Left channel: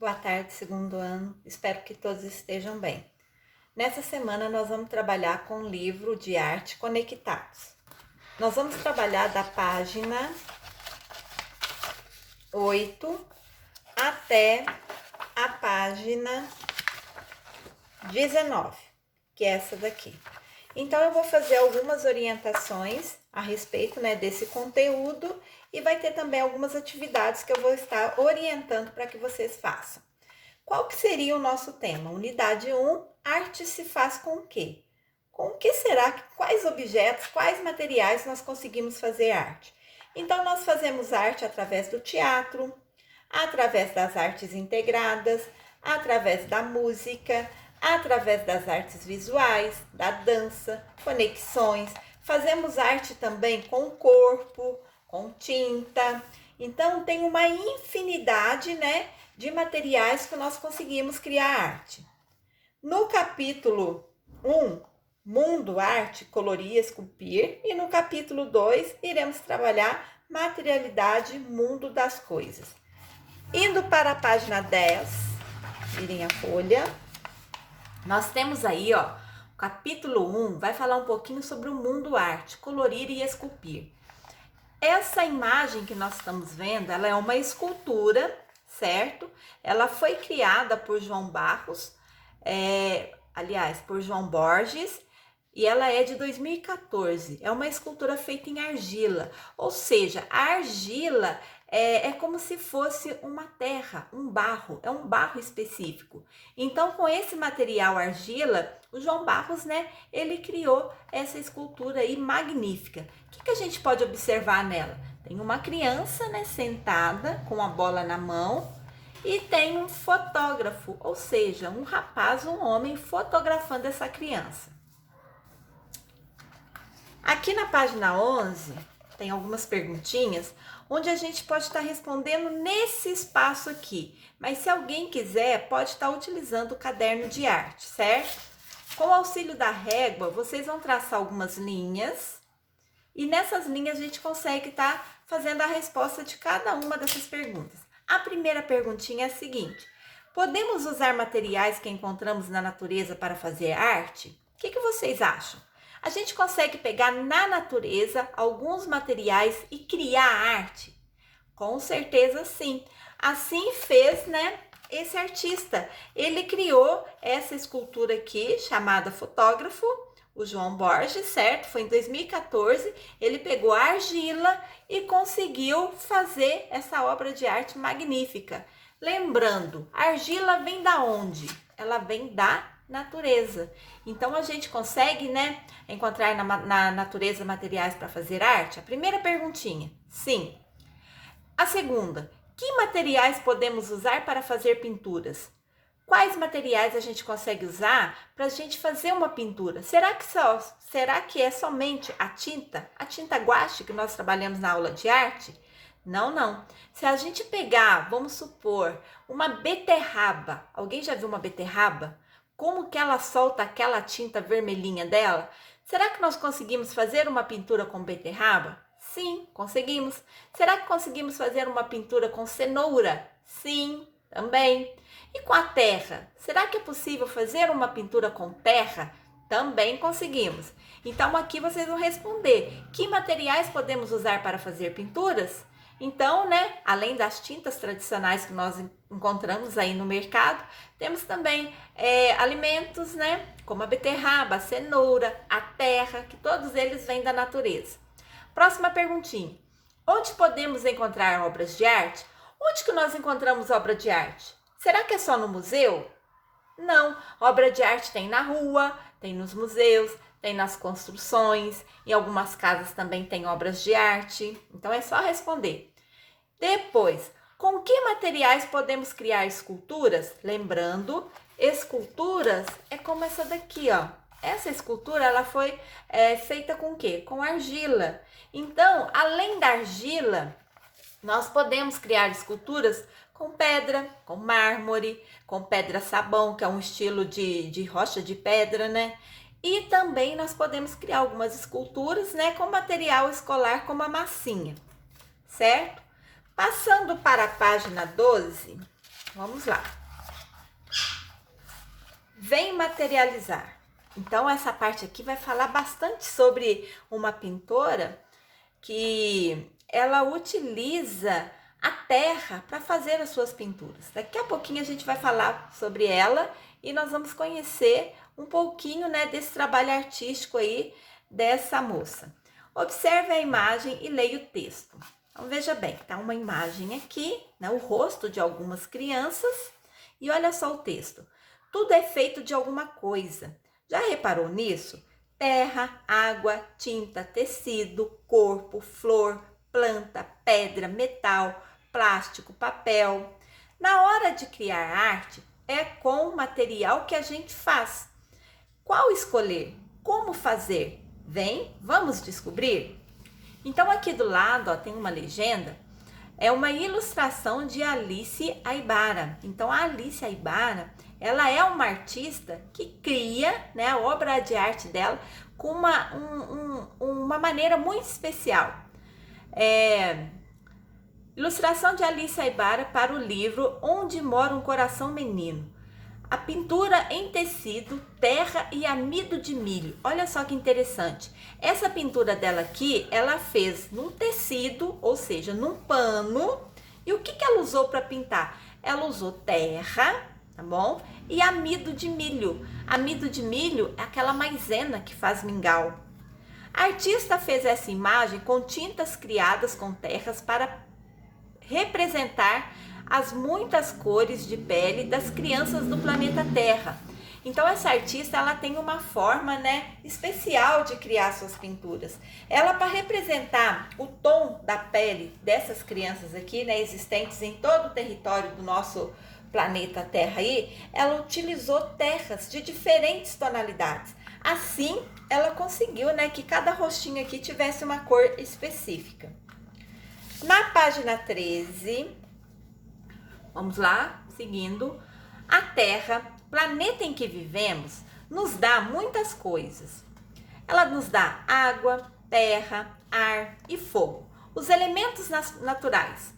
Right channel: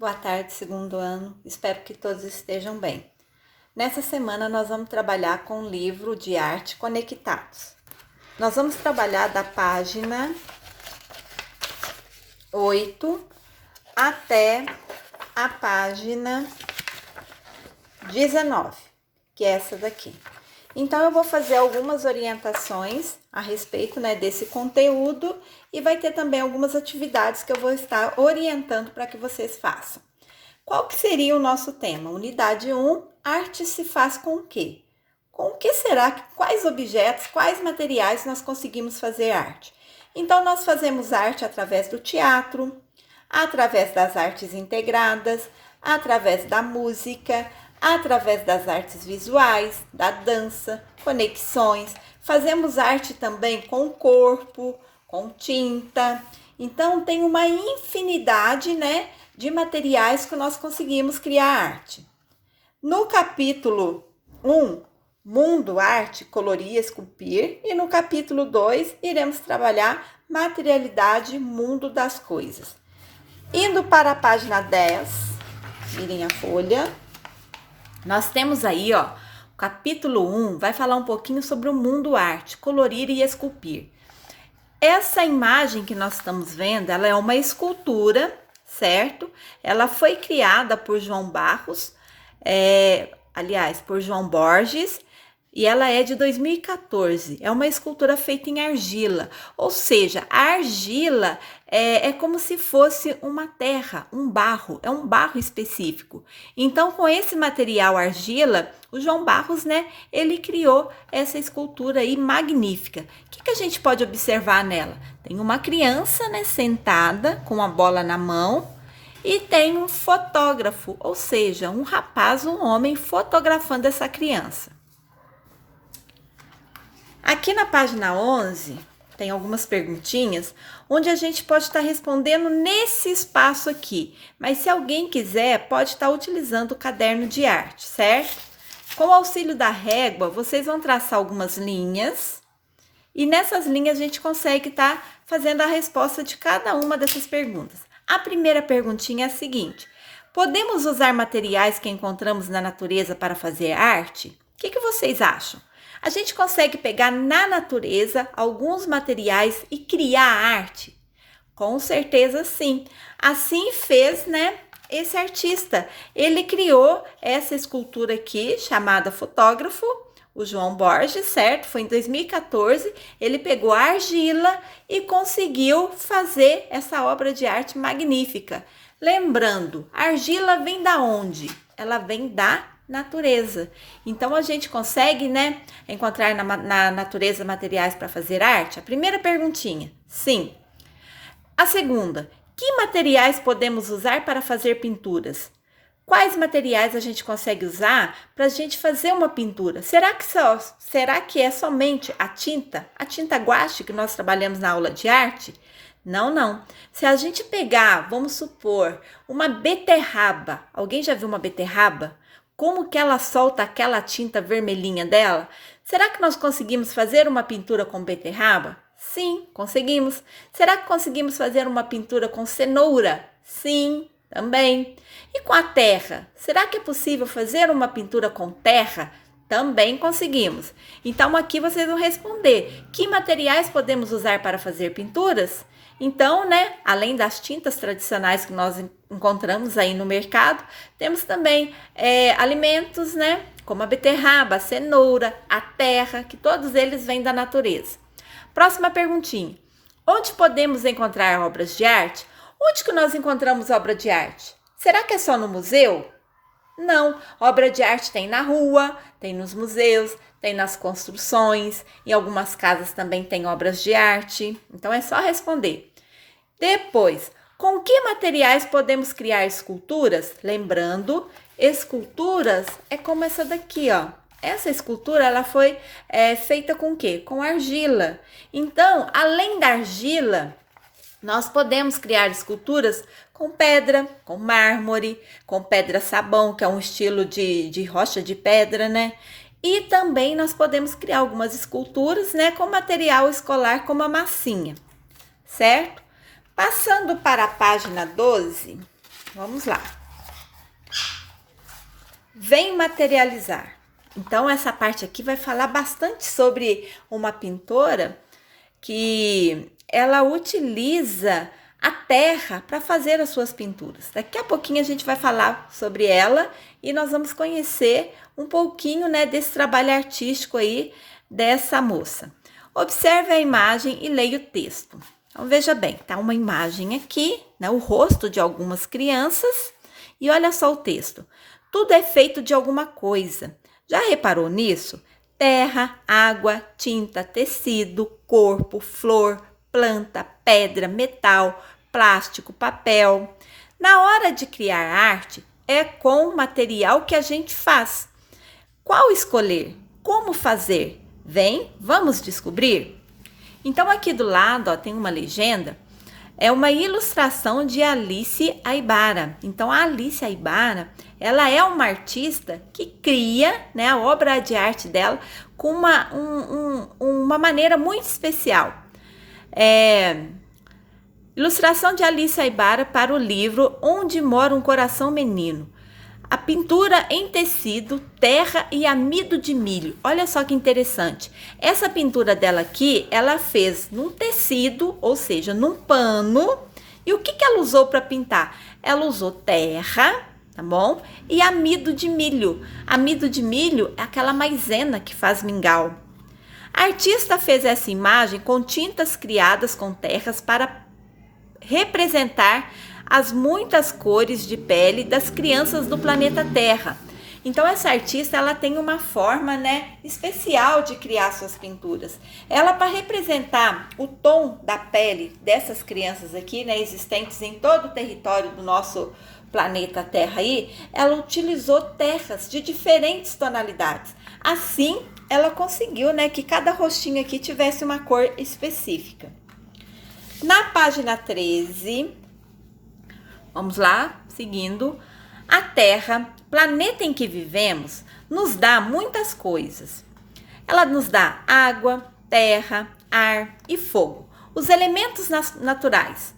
Boa tarde, segundo ano. Espero que todos estejam bem. Nessa semana nós vamos trabalhar com o livro de arte Conectados. Nós vamos trabalhar da página 8 até a página 19, que é essa daqui. Então, eu vou fazer algumas orientações a respeito, desse conteúdo e vai ter também algumas atividades que eu vou estar orientando para que vocês façam. Qual que seria o nosso tema? Unidade 1, arte se faz com o quê? Com o que será? Quais objetos, quais materiais nós conseguimos fazer arte? Então, nós fazemos arte através do teatro, através das artes integradas, através da música, através das artes visuais, da dança, conexões. Fazemos arte também com o corpo, com tinta. Então, tem uma infinidade, de materiais que nós conseguimos criar arte. No capítulo 1, Mundo, Arte, Colorir, Esculpir. E no capítulo 2, iremos trabalhar Materialidade, Mundo das Coisas. Indo para a página 10, virem a folha. Nós temos aí, o capítulo 1 vai falar um pouquinho sobre o mundo arte, colorir e esculpir. Essa imagem que nós estamos vendo, ela é uma escultura, certo? Ela foi criada por João Barros, por João Borges, e ela é de 2014. É uma escultura feita em argila, ou seja, a argila é como se fosse uma terra, um barro, é um barro específico. Então, com esse material argila, o João Barros, ele criou essa escultura aí magnífica. O que a gente pode observar nela? Tem uma criança, sentada com a bola na mão e tem um fotógrafo, ou seja, um rapaz, um homem fotografando essa criança. Aqui na página 11, tem algumas perguntinhas, onde a gente pode estar respondendo nesse espaço aqui. Mas se alguém quiser, pode estar utilizando o caderno de arte, certo? Com o auxílio da régua, vocês vão traçar algumas linhas. E nessas linhas a gente consegue estar fazendo a resposta de cada uma dessas perguntas. A primeira perguntinha é a seguinte: podemos usar materiais que encontramos na natureza para fazer arte? O que vocês acham? A gente consegue pegar na natureza alguns materiais e criar arte? Com certeza sim. Assim fez, esse artista. Ele criou essa escultura aqui, chamada Fotógrafo, o João Borges, certo? Foi em 2014. Ele pegou a argila e conseguiu fazer essa obra de arte magnífica. Lembrando, a argila vem da onde? Ela vem da natureza. Então, a gente consegue, encontrar na natureza materiais para fazer arte? A primeira perguntinha, sim. A segunda, que materiais podemos usar para fazer pinturas? Quais materiais a gente consegue usar para a gente fazer uma pintura? Será que é somente a tinta guache que nós trabalhamos na aula de arte? Não. Se a gente pegar, vamos supor, uma beterraba. Alguém já viu uma beterraba? Como que ela solta aquela tinta vermelhinha dela? Será que nós conseguimos fazer uma pintura com beterraba? Sim, conseguimos. Será que conseguimos fazer uma pintura com cenoura? Sim, também. E com a terra? Será que é possível fazer uma pintura com terra? Também conseguimos. Então, aqui vocês vão responder: que materiais podemos usar para fazer pinturas? Então, além das tintas tradicionais que nós encontramos aí no mercado, temos também alimentos, como a beterraba, a cenoura, a terra, que todos eles vêm da natureza. Próxima perguntinha: onde podemos encontrar obras de arte? Onde que nós encontramos obra de arte? Será que é só no museu? Não, obra de arte tem na rua, tem nos museus, tem nas construções, em algumas casas também tem obras de arte. Então, é só responder. Depois, com que materiais podemos criar esculturas? Lembrando, esculturas é como essa daqui, Essa escultura, ela foi feita com o quê? Com argila. Então, além da argila, nós podemos criar esculturas com pedra, com mármore, com pedra-sabão, que é um estilo de rocha de pedra, E também nós podemos criar algumas esculturas, com material escolar, como a massinha, certo? Passando para a página 12, Vamos lá. Vem materializar. Então, essa parte aqui vai falar bastante sobre uma pintora que ela utiliza a terra para fazer as suas pinturas. Daqui a pouquinho a gente vai falar sobre ela e nós vamos conhecer um pouquinho, né, desse trabalho artístico aí dessa moça. Observe a imagem e leia o texto. Então, veja bem, tá uma imagem aqui, né, o rosto de algumas crianças e olha só o texto. Tudo é feito de alguma coisa. Já reparou nisso? Terra, água, tinta, tecido, corpo, flor, planta, pedra, metal, plástico, papel. Na hora de criar arte, é com o material que a gente faz. Qual escolher? Como fazer? Vem, vamos descobrir? Então, aqui do lado, ó, tem uma legenda. É uma ilustração de Alice Aibara. Então, a Alice Aibara, ela é uma artista que cria, né, a obra de arte dela com uma maneira muito especial. Ilustração de Alice Aibara para o livro Onde Mora um Coração Menino. A pintura em tecido, terra e amido de milho. Olha só que interessante. Essa pintura dela aqui, ela fez num tecido, ou seja, num pano. E o que ela usou para pintar? Ela usou terra, tá bom? E amido de milho. Amido de milho é aquela maisena que faz mingau. A artista fez essa imagem com tintas criadas com terras para representar as muitas cores de pele das crianças do planeta Terra. Então, essa artista, ela tem uma forma, né, especial de criar suas pinturas. Ela, para representar o tom da pele dessas crianças aqui, né, existentes em todo o território do nosso planeta Terra aí, ela utilizou terras de diferentes tonalidades. Assim, ela conseguiu, né, que cada rostinho aqui tivesse uma cor específica. Na página 13, vamos lá, seguindo. A Terra, planeta em que vivemos, nos dá muitas coisas. Ela nos dá água, terra, ar e fogo, os elementos naturais.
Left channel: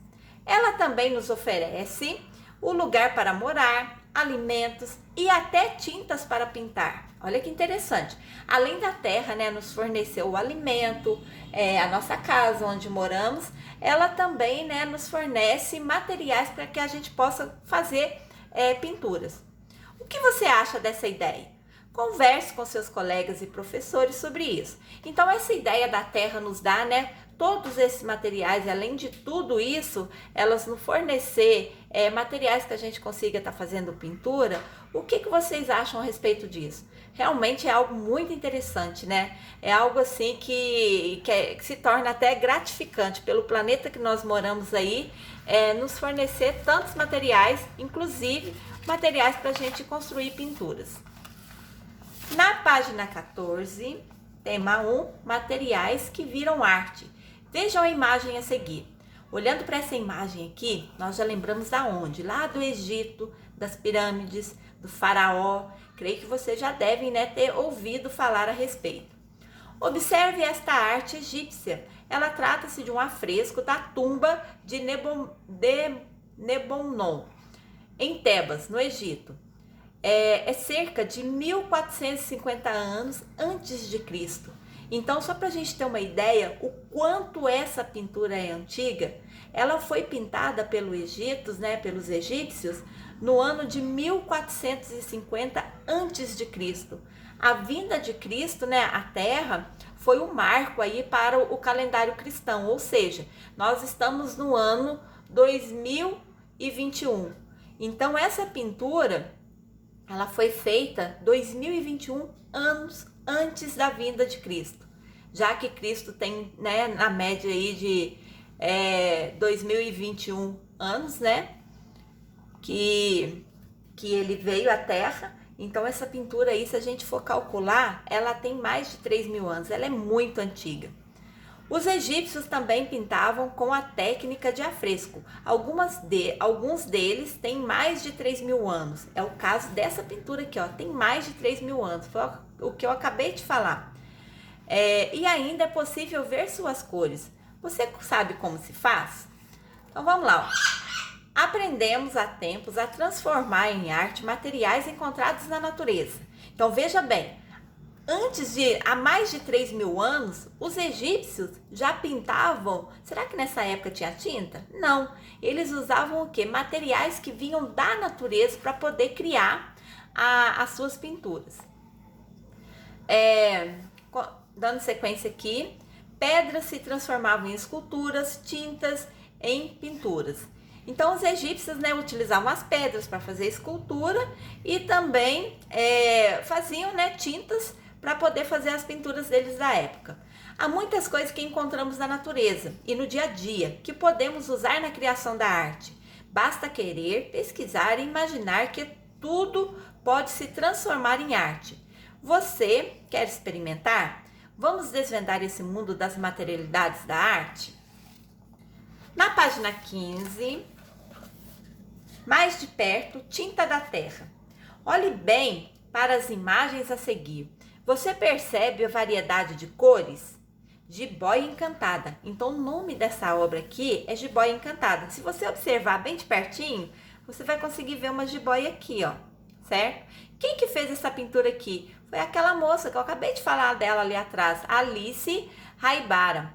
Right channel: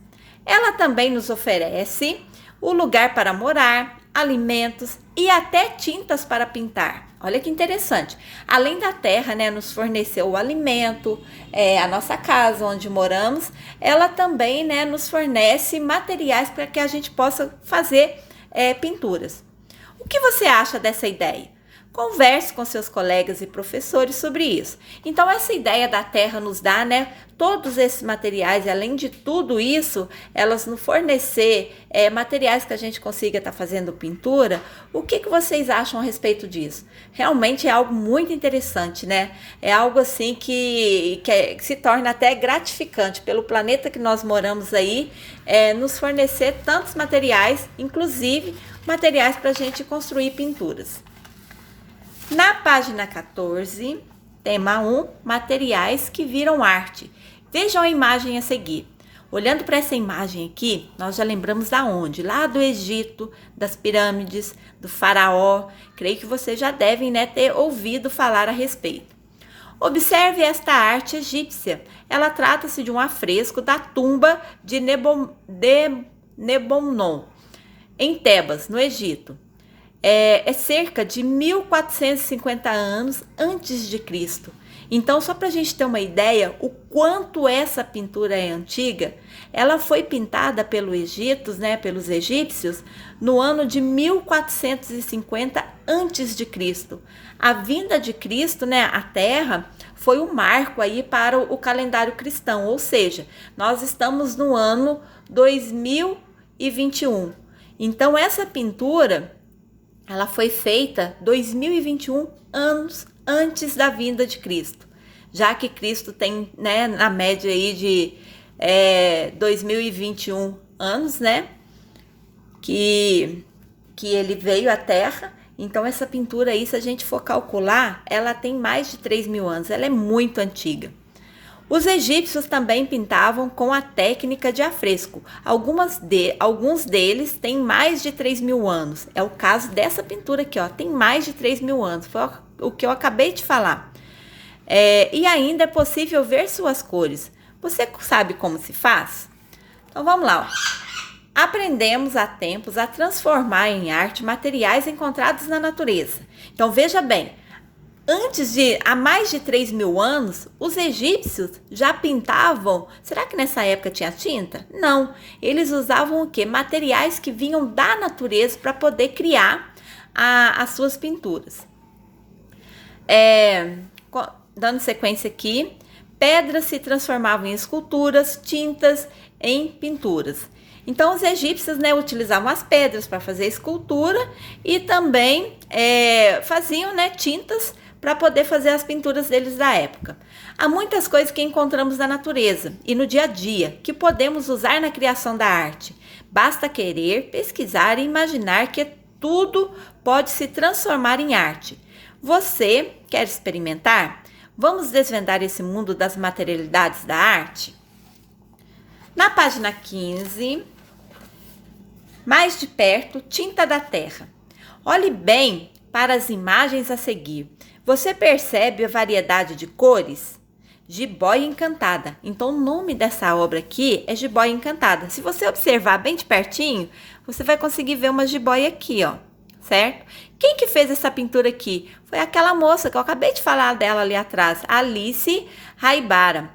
Ela também nos oferece o lugar para morar, alimentos e até tintas para pintar. Olha que interessante. Além da terra, né, nos forneceu o alimento, a nossa casa onde moramos, ela também, né, nos fornece materiais para que a gente possa fazer pinturas. O que você acha dessa ideia? Converse com seus colegas e professores sobre isso. Então, essa ideia da terra nos dá, né, todos esses materiais, e além de tudo isso, elas nos fornecer materiais que a gente consiga estar fazendo pintura. O que vocês acham a respeito disso? Realmente é algo muito interessante, né? É algo assim que se torna até gratificante pelo planeta que nós moramos aí, nos fornecer tantos materiais, inclusive materiais para a gente construir pinturas. Na página 14, tema 1, materiais que viram arte. Vejam a imagem a seguir. Olhando para essa imagem aqui, nós já lembramos da onde? Lá do Egito, das pirâmides, do faraó. Creio que vocês já devem, né, ter ouvido falar a respeito. Observe esta arte egípcia. Ela trata-se de um afresco da tumba de Nebomnon, em Tebas, no Egito. É cerca de 1450 anos antes de Cristo. Então, só para a gente ter uma ideia, o quanto essa pintura é antiga, ela foi pintada pelos egípcios, no ano de 1450 antes de Cristo. A vinda de Cristo, né, à Terra, foi um marco aí para o calendário cristão, ou seja, nós estamos no ano 2021. Então, essa pintura, ela foi feita 2021 anos antes da vinda de Cristo, já que Cristo tem, né, na média aí de 2021 anos, né, que ele veio à Terra. Então, essa pintura aí, se a gente for calcular, ela tem mais de 3.000 anos, ela é muito antiga. Os egípcios também pintavam com a técnica de afresco. Alguns deles têm mais de 3.000 anos. É o caso dessa pintura aqui, ó, tem mais de 3.000 anos. Foi o que eu acabei de falar. E ainda é possível ver suas cores. Você sabe como se faz? Então, vamos lá, ó. Aprendemos há tempos a transformar em arte materiais encontrados na natureza. Então veja bem, há mais de 3.000 anos, os egípcios já pintavam. Será que nessa época tinha tinta? Não, eles usavam o quê? Materiais que vinham da natureza para poder criar as suas pinturas. Dando sequência aqui, pedras se transformavam em esculturas, tintas em pinturas. Então, os egípcios, né, utilizavam as pedras para fazer escultura e também faziam, né, tintas para poder fazer as pinturas deles da época. Há muitas coisas que encontramos na natureza e no dia a dia que podemos usar na criação da arte. Basta querer, pesquisar e imaginar que tudo pode se transformar em arte. Você quer experimentar? Vamos desvendar esse mundo das materialidades da arte? Na página 15, mais de perto, tinta da terra. Olhe bem para as imagens a seguir. Você percebe a variedade de cores? Jiboia Encantada. Então, o nome dessa obra aqui é Jiboia Encantada. Se você observar bem de pertinho, você vai conseguir ver uma jiboia aqui, ó, certo? Quem que fez essa pintura aqui? Foi aquela moça que eu acabei de falar dela ali atrás, Alice Raibara.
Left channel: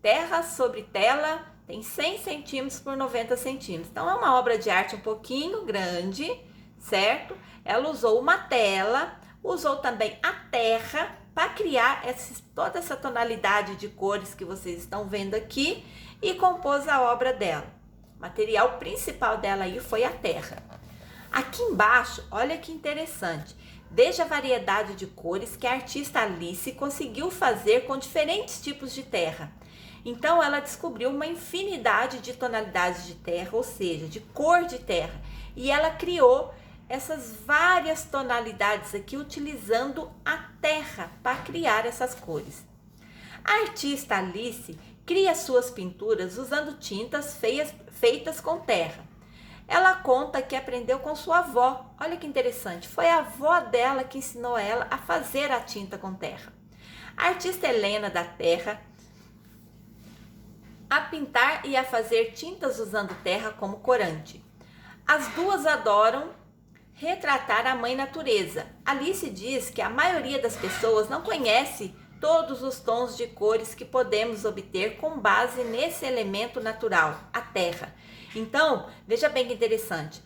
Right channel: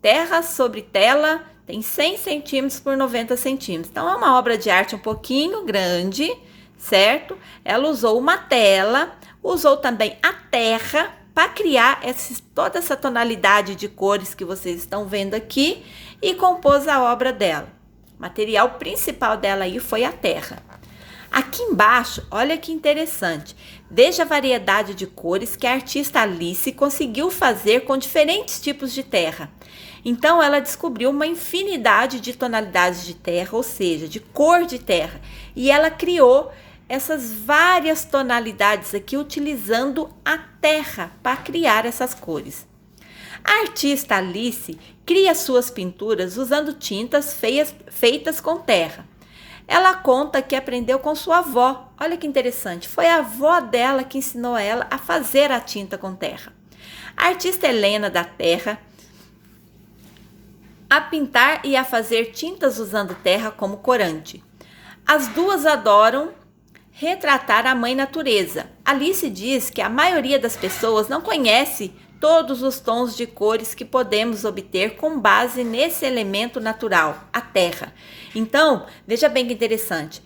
Terra sobre tela, tem 100 centímetros por 90 centímetros. Então, é uma obra de arte um pouquinho grande, certo? Ela usou uma tela, usou também a terra para criar toda essa tonalidade de cores que vocês estão vendo aqui e compôs a obra dela. O material principal dela aí foi a terra. Aqui embaixo, olha que interessante. Veja a variedade de cores que a artista Alice conseguiu fazer com diferentes tipos de terra. Então, ela descobriu uma infinidade de tonalidades de terra, ou seja, de cor de terra. E ela criou essas várias tonalidades aqui utilizando a terra para criar essas cores. A artista Alice cria suas pinturas usando tintas feitas com terra. Ela conta que aprendeu com sua avó. Olha que interessante, foi a avó dela que ensinou ela a fazer a tinta com terra. A artista Helena da Terra a pintar e a fazer tintas usando terra como corante. As duas adoram retratar a mãe natureza. Alice diz que a maioria das pessoas não conhece todos os tons de cores que podemos obter com base nesse elemento natural, a terra. Então, veja bem que interessante.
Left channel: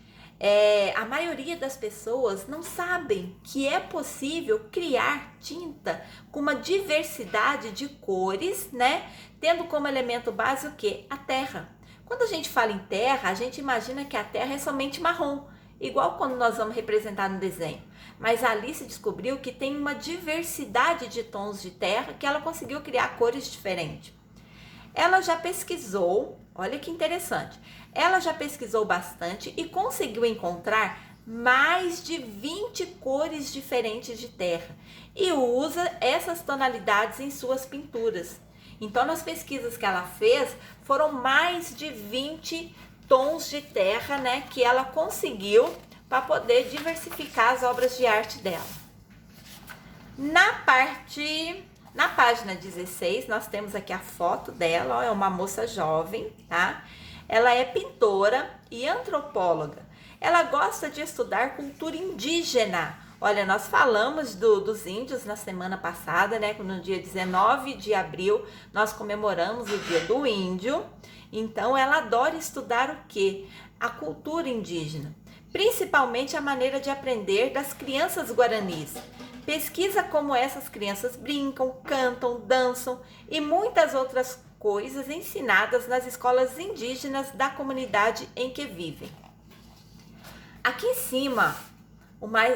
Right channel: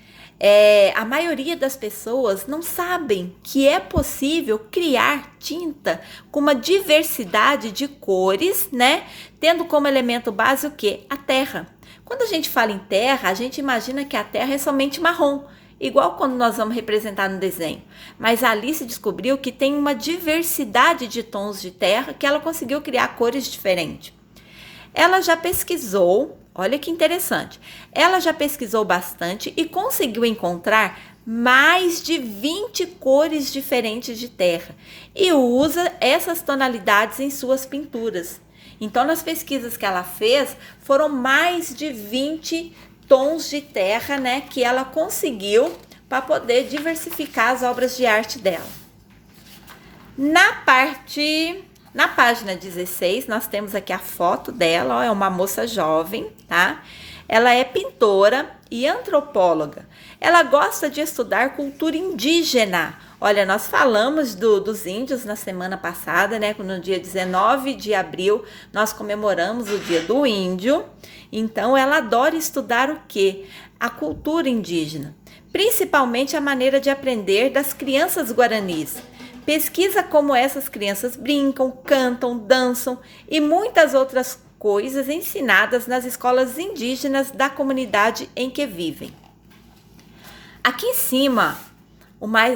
A maioria das pessoas não sabem que é possível criar tinta com uma diversidade de cores, né? Tendo como elemento base o quê? A terra. Quando a gente fala em terra, a gente imagina que a terra é somente marrom, igual quando nós vamos representar no desenho. Mas a Alice descobriu que tem uma diversidade de tons de terra que ela conseguiu criar cores diferentes. Ela já pesquisou, olha que interessante, ela já pesquisou bastante e conseguiu encontrar mais de 20 cores diferentes de terra e usa essas tonalidades em suas pinturas. Então, nas pesquisas que ela fez, foram mais de 20 tons de terra, né, que ela conseguiu para poder diversificar as obras de arte dela. Na página 16, nós temos aqui a foto dela, ó, é uma moça jovem, tá? Ela é pintora e antropóloga. Ela gosta de estudar cultura indígena. Olha, nós falamos dos índios na semana passada, né? No dia 19 de abril, nós comemoramos o Dia do Índio. Então, ela adora estudar o quê? A cultura indígena, principalmente a maneira de aprender das crianças guaranis. Pesquisa como essas crianças brincam, cantam, dançam e muitas outras coisas ensinadas nas escolas indígenas da comunidade em que vivem. Aqui em cima,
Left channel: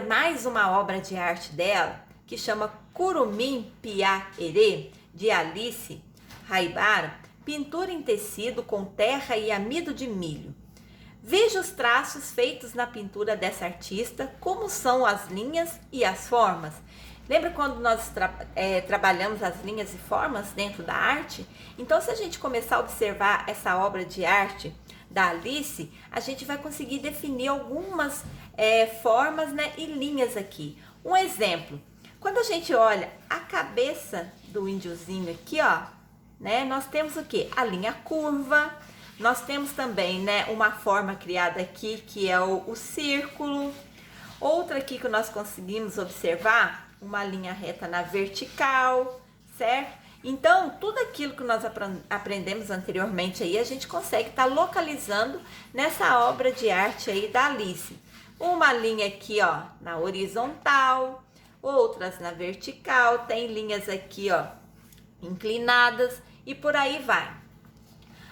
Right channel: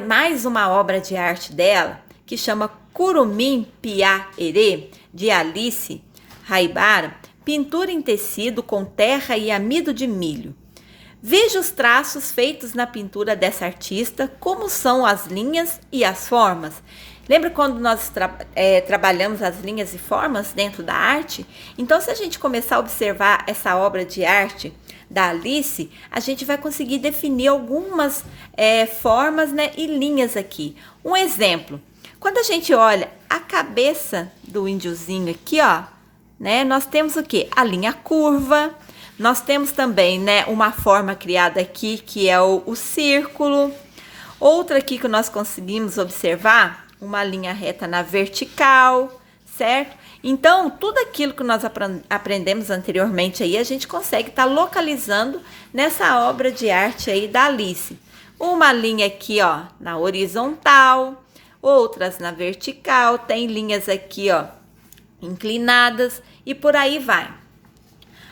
mais uma obra de arte dela, que chama Curumim Piá Erê, de Alice Raibara, pintura em tecido com terra e amido de milho. Veja os traços feitos na pintura dessa artista, como são as linhas e as formas. Lembra quando nós trabalhamos as linhas e formas dentro da arte? Então, se a gente começar a observar essa obra de arte da Alice, a gente vai conseguir definir algumas formas, né, e linhas aqui. Um exemplo, quando a gente olha a cabeça do índiozinho aqui, ó, né, nós temos o quê? A linha curva. Nós temos também, né, uma forma criada aqui, que é o círculo. Outra aqui que nós conseguimos observar, uma linha reta na vertical, certo? Então, tudo aquilo que nós aprendemos anteriormente aí, a gente consegue estar localizando nessa obra de arte aí da Alice. Uma linha aqui, ó, na horizontal, outras na vertical, tem linhas aqui, ó, inclinadas e por aí vai.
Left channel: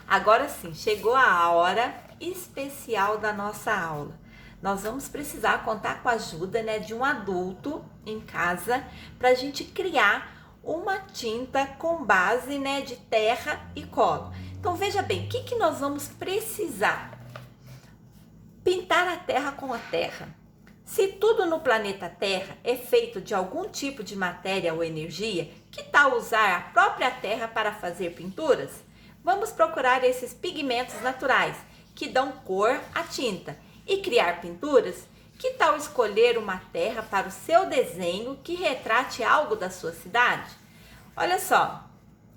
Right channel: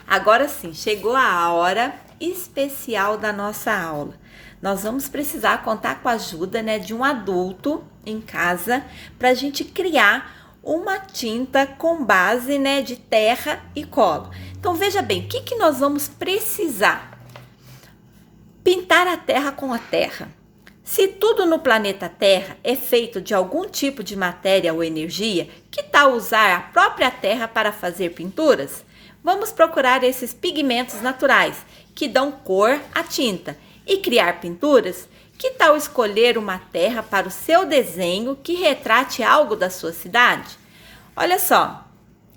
Agora sim, chegou a hora especial da nossa aula. Nós vamos precisar contar com a ajuda, né, de um adulto em casa para a gente criar uma tinta com base, né, de terra e cola. Então veja bem, o que nós vamos precisar? Pintar a terra com a terra. Se tudo no planeta Terra é feito de algum tipo de matéria ou energia, que tal usar a própria terra para fazer pinturas? Vamos procurar esses pigmentos naturais que dão cor à tinta e criar pinturas. Que tal escolher uma terra para o seu desenho que retrate algo da sua cidade? Olha só,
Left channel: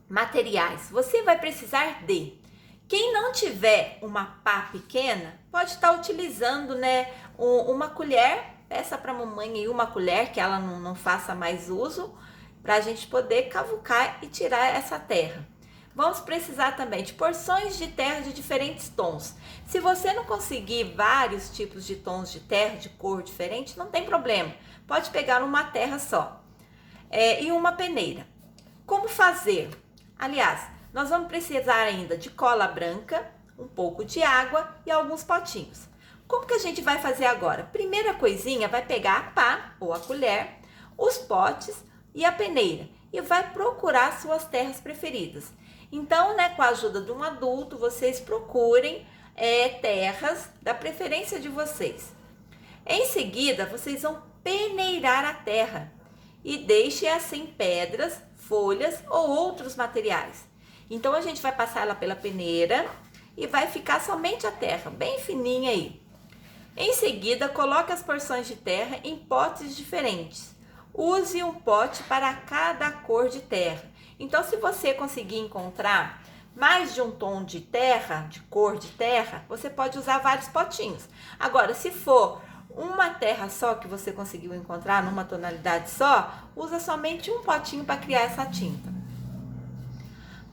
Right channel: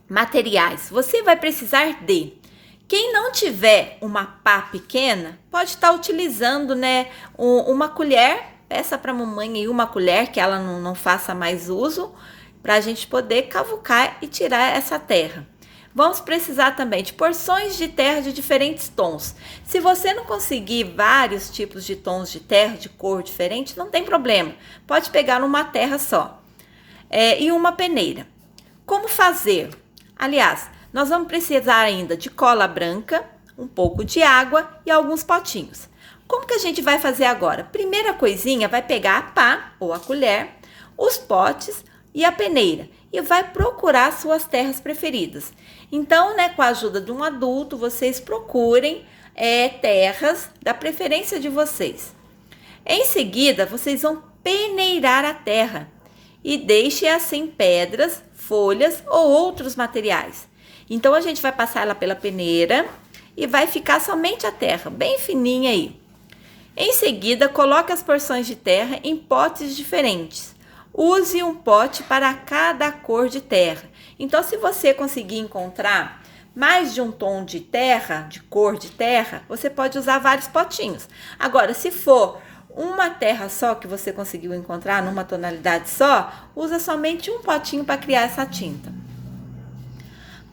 materiais. Você vai precisar de... Quem não tiver uma pá pequena, pode estar utilizando, né, uma colher. Peça para a mamãe aí uma colher que ela não faça mais uso, para a gente poder cavucar e tirar essa terra. Vamos precisar também de porções de terra de diferentes tons. Se você não conseguir vários tipos de tons de terra, de cor diferente, não tem problema. Pode pegar uma terra só. E uma peneira. Como fazer? Aliás, nós vamos precisar ainda de cola branca, um pouco de água e alguns potinhos. Como que a gente vai fazer agora? Primeira coisinha, vai pegar a pá ou a colher, os potes e a peneira e vai procurar suas terras preferidas. Então, né, com a ajuda de um adulto, vocês procurem terras da preferência de vocês. Em seguida, vocês vão peneirar a terra e deixe assim pedras, folhas ou outros materiais. Então, a gente vai passar ela pela peneira e vai ficar somente a terra, bem fininha aí. Em seguida, coloque as porções de terra em potes diferentes. Use um pote para cada cor de terra. Então, se você conseguir encontrar mais de um tom de terra, de cor de terra, você pode usar vários potinhos. Agora, se for uma terra só que você conseguiu encontrar, numa tonalidade só, usa somente um potinho para criar essa tinta.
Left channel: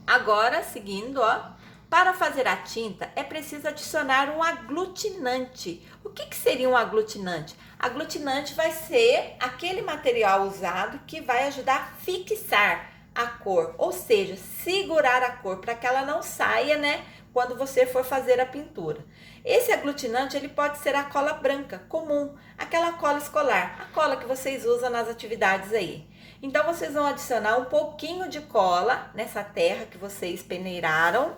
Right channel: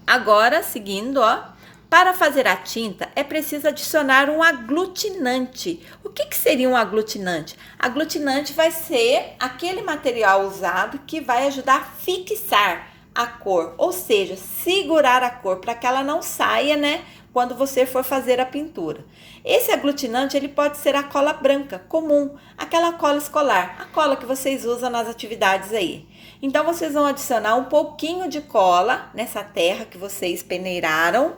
Agora, seguindo, ó, para fazer a tinta é preciso adicionar um aglutinante. O que seria um aglutinante? Aglutinante vai ser aquele material usado que vai ajudar a fixar a cor, ou seja, segurar a cor para que ela não saia, né, quando você for fazer a pintura. Esse aglutinante, ele pode ser a cola branca, comum, aquela cola escolar, a cola que vocês usam nas atividades aí. Então, vocês vão adicionar um pouquinho de cola nessa terra que vocês peneiraram.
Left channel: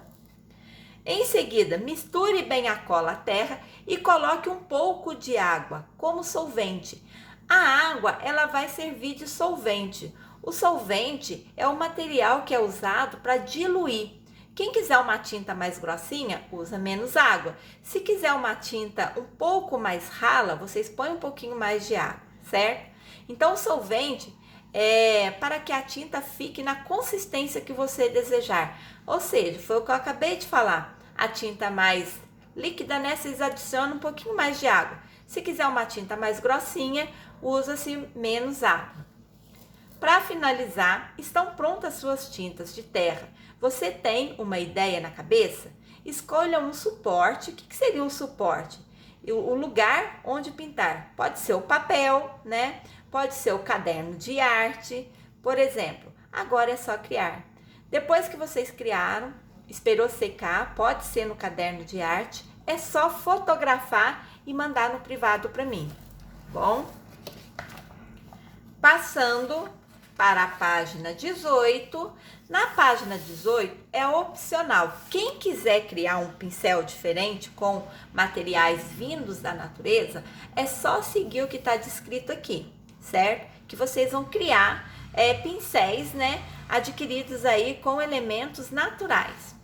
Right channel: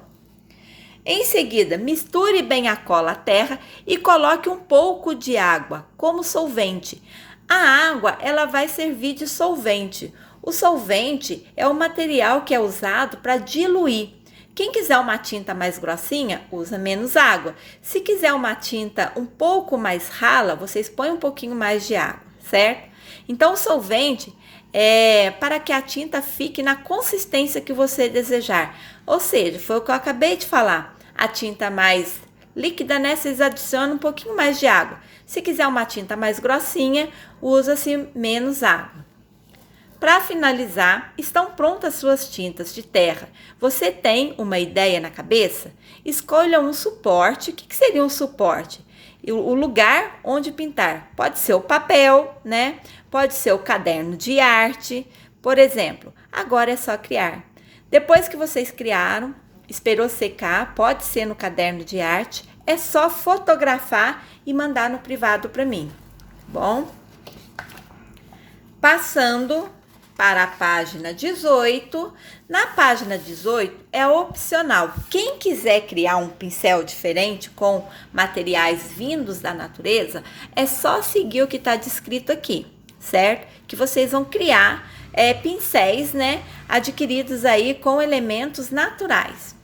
Em seguida, misture bem a cola à terra e coloque um pouco de água como solvente. A água, ela vai servir de solvente. O solvente é o material que é usado para diluir. Quem quiser uma tinta mais grossinha, usa menos água. Se quiser uma tinta um pouco mais rala, vocês põem um pouquinho mais de água, certo? Então, o solvente é para que a tinta fique na consistência que você desejar. Ou seja, foi o que eu acabei de falar. A tinta mais líquida, né? Vocês adicionam um pouquinho mais de água. Se quiser uma tinta mais grossinha, usa-se menos água. Para finalizar, estão prontas suas tintas de terra. Você tem uma ideia na cabeça? Escolha um suporte. O que seria um suporte? O lugar onde pintar. Pode ser o papel, né? Pode ser o caderno de arte. Por exemplo, agora é só criar. Depois que vocês criaram, esperou secar, pode ser no caderno de arte, é só fotografar e mandar no privado para mim. Bom, passando para a página 18. Na página 18 é opcional. Quem quiser criar um pincel diferente com materiais vindos da natureza, é só seguir o que está descrito aqui, certo? Que vocês vão criar pincéis, né, adquiridos aí com elementos naturais.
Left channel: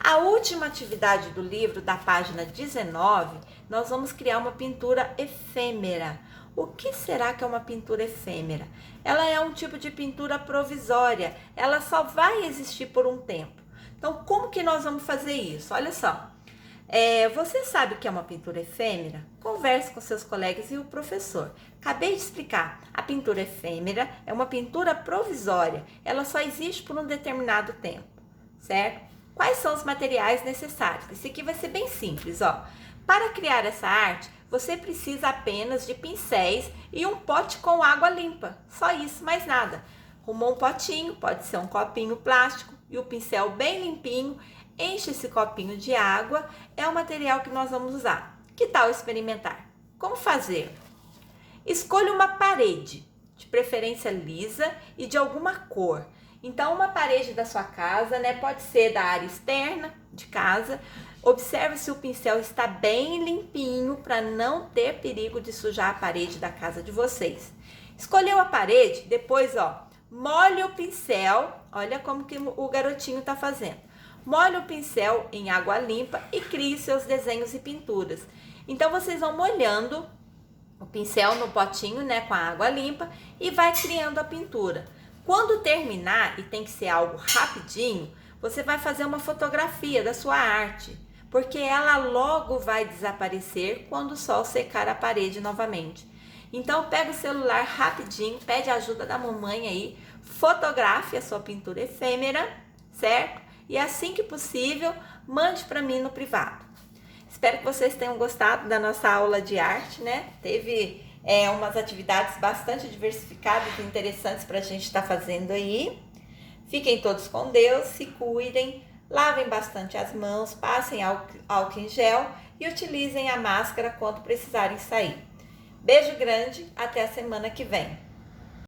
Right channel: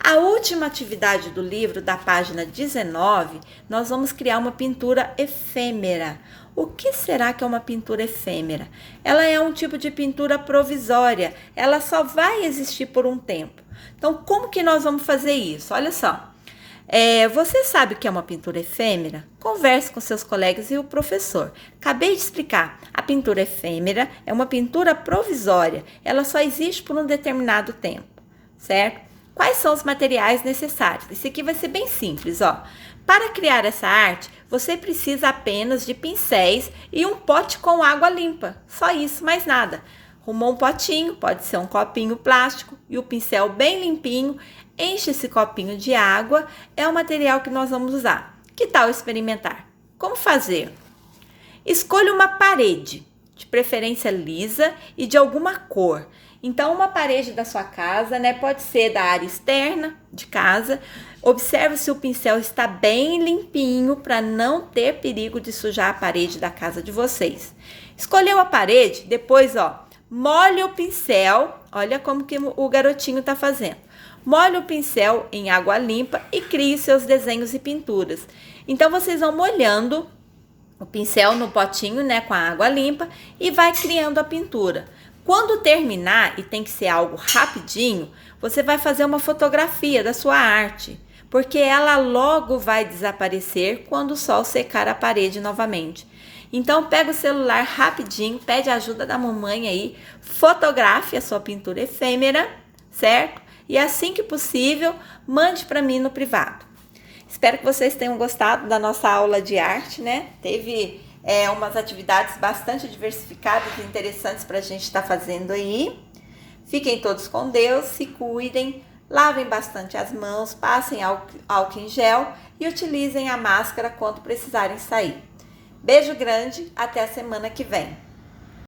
A última atividade do livro, da página 19, nós vamos criar uma pintura efêmera. O que será que é uma pintura efêmera? Ela é um tipo de pintura provisória, ela só vai existir por um tempo. Então, como que nós vamos fazer isso? Olha só. Você sabe o que é uma pintura efêmera? Converse com seus colegas e o professor. Acabei de explicar. A pintura efêmera é uma pintura provisória. Ela só existe por um determinado tempo, certo? Quais são os materiais necessários? Esse aqui vai ser bem simples, ó. Para criar essa arte, você precisa apenas de pincéis e um pote com água limpa. Só isso, mais nada. Arrumou um potinho, pode ser um copinho plástico e o pincel bem limpinho. Enche esse copinho de água, é o material que nós vamos usar. Que tal experimentar? Como fazer? Escolha uma parede, de preferência lisa e de alguma cor. Então, uma parede da sua casa, né? Pode ser da área externa de casa. Observe se o pincel está bem limpinho para não ter perigo de sujar a parede da casa de vocês. Escolheu a parede, depois, ó, molhe o pincel. Olha como que o garotinho está fazendo. Molhe o pincel em água limpa e crie seus desenhos e pinturas. Então, vocês vão molhando o pincel no potinho, né, com a água limpa e vai criando a pintura. Quando terminar, e tem que ser algo rapidinho, você vai fazer uma fotografia da sua arte, porque ela logo vai desaparecer quando o sol secar a parede novamente. Então, pega o celular rapidinho, pede a ajuda da mamãe aí, fotografe a sua pintura efêmera, certo? E assim que possível, mande para mim no privado. Espero que vocês tenham gostado da nossa aula de arte, né? Teve umas atividades bastante diversificadas e interessantes para a gente estar fazendo aí. Fiquem todos com Deus, se cuidem, lavem bastante as mãos, passem álcool em gel e utilizem a máscara quando precisarem sair. Beijo grande, até a semana que vem.